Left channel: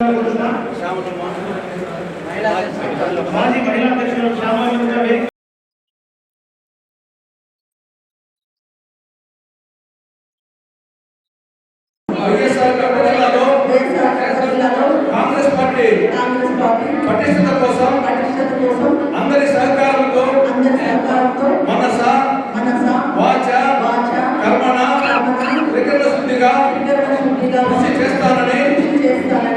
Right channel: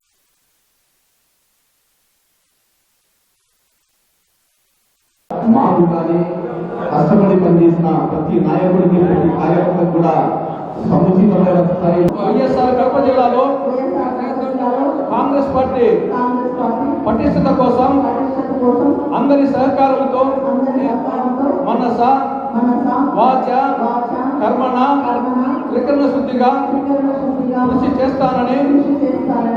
మాకు కానీ కష్టపడి పనిచేసిన ప్రతి నాయకుడికి ప్రతి కార్యకర్తకు కూడా సముచితమైన స్థాయి కాంగ్రెస్ పార్టీ పటిష్టత కోసం అందరి సహకారంతో మనస వాచ కర్మణ త్రికరణ శుద్ధిగా కృషి చేస్తానని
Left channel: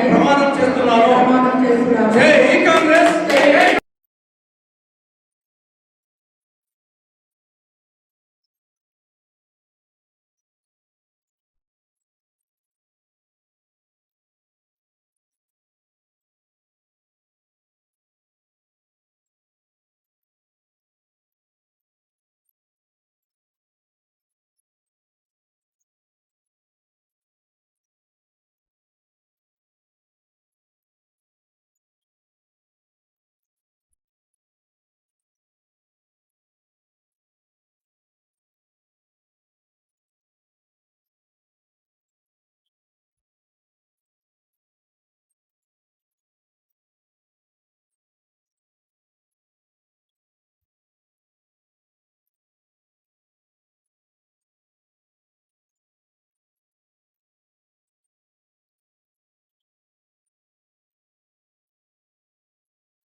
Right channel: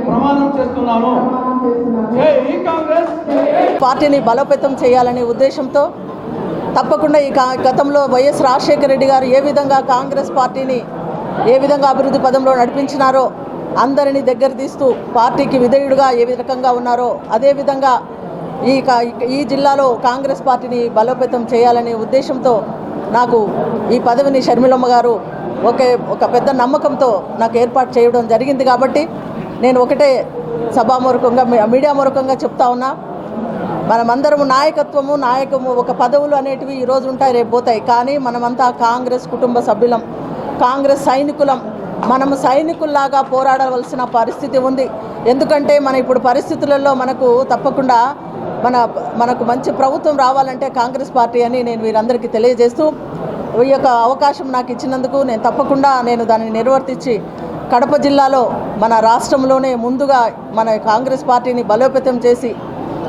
ప్రమాణం చేస్తున్నాను. జై కాంగ్రెస్. పార్టీని బలోపేతం చేయాలనే ఉద్దేశంతో తప్పకుండా ఈ గతంలో వైఎస్ రాజశేఖర రెడ్డి గారు ఏ విధంగా కాంగ్రెస్ పార్టీని ఏ విధంగా అభివృద్ధి పదంలో నడిపించినారో, అందరినీ దగ్గర తీస్తూ పార్టీకి విధేయుడుగా ఏ రకంగా ఉన్నారో అదేవిధంగా ఈ జిల్లాలో కాంగ్రెస్ పార్టీని బలోపేతం చేయాలనే ఉద్దేశంతో నాకు ఈ పదవిని షర్మిలమ్మ గారు ఒక పెద్ద నమ్మకంతో నాకు ఏర్పాటు చేయడం జరిగింది. కాబట్టి నేను ఒకటే సభామూర్ఖంగా మీడియా మూర్ఖంగా చెప్తా ఉన్నా, మనమందరము నాయకము ఒక పదవులు అనేటివి ఈరోజు ఉంటాయి, రేపు పోతాయి. కానీ మనమంతా కాంగ్రెస్ కుటుంబ సభ్యులం, కాంగ్రెస్ సైనికులం. మనము సైనికుల్లాగా పోరాడవలసిన పరిస్థితి ఉంది. ఎందుకంటే మన ఇప్పుడు పరిస్థితులలో మనకు తప్పకుండా మనకు మంచి ప్రభుత్వం రావాలంటే కాంగ్రెస్ పార్టీ అని నేను వీరందరికీ తెలియజేస్తూ, ఈ యొక్క అవకాశం నాకు ఇచ్చినందుకు నేను తప్పకుండా దానిని నిర్వర్తించి కడప జిల్లాలో మన రాష్ట్రంలోనే ముందుగా మన కాంగ్రెస్ పార్టీని బలోపేతం చేసి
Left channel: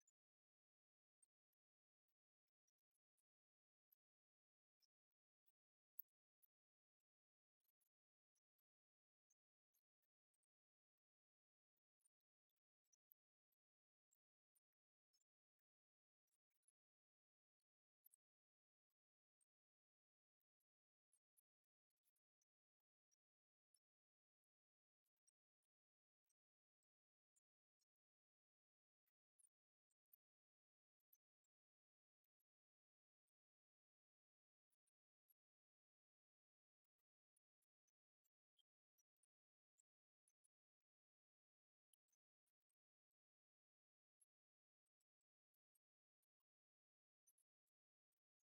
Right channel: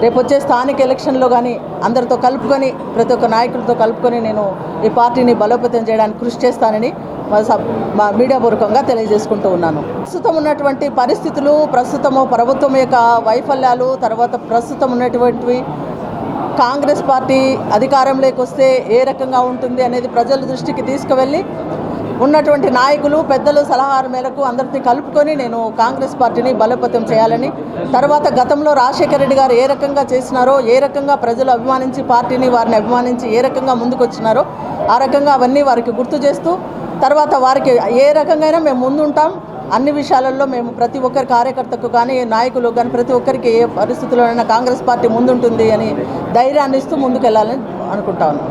రేపు వచ్చే స్థానిక ఎలక్షన్లో కానీ అందరితో కలుపుకొని ప్రతి ఒక్క నాయకులతో కలుపుకొని నేను ఈ పార్టీని బలోపేతం చేయడానికి కృషి చేస్తానని మా మీడియా పూర్వకంగా తెలియజేసుకుంటూ ఉన్నాను. ప్రస్తుతం ఉన్నటువంటి పరిస్థితులు, ప్రస్తుతము ప్రభుత్వం యొక్క వైఫల్యాలు, తర్వాత ప్రస్తుతం ఉన్నటువంటివి కాంగ్రెస్ పార్టీ అధికారంలోకి వస్తే ఏ రకంగా ఉంటుంది అనేది ప్రజల దృష్టికి తీసుకువెళ్ళి ఉన్నటువంటి నాయకులు పెద్దలు సలహాల మేరకు అందరినీ కలుపుకొని నేను కాంగ్రెస్ పార్టీని బలోపేతం చేయాలని, తర్వాత గతంలో రాజశేఖర రెడ్డి గారు ఏ రకంగా చేసినారో, ఏ రకంగా ప్రజలు అభిమానించి పార్టీని వారిని అభిమానించి ఏ రకంగా ముందుకు వచ్చినారో ఆ రకంగా అవన్నీ వారికి గుర్తు చేస్తూ, తర్వాత వారికి ఏ రకంగా మేము ముందుంటాం, అన్ని విషయాలలో మేము ప్రతి ఒక్కరి కార్యకర్తకు కానీ నాయకులు కానీ ప్రతి ఒక్కరికి ఏ పరిస్థితుల్లోనైనా కాంగ్రెస్ పార్టీ ముందుంటుంది అని ధైర్యాన్ని ఇస్తూ ముందుకు వెళ్ళాలని అనుకుంటా ఉన్నాం.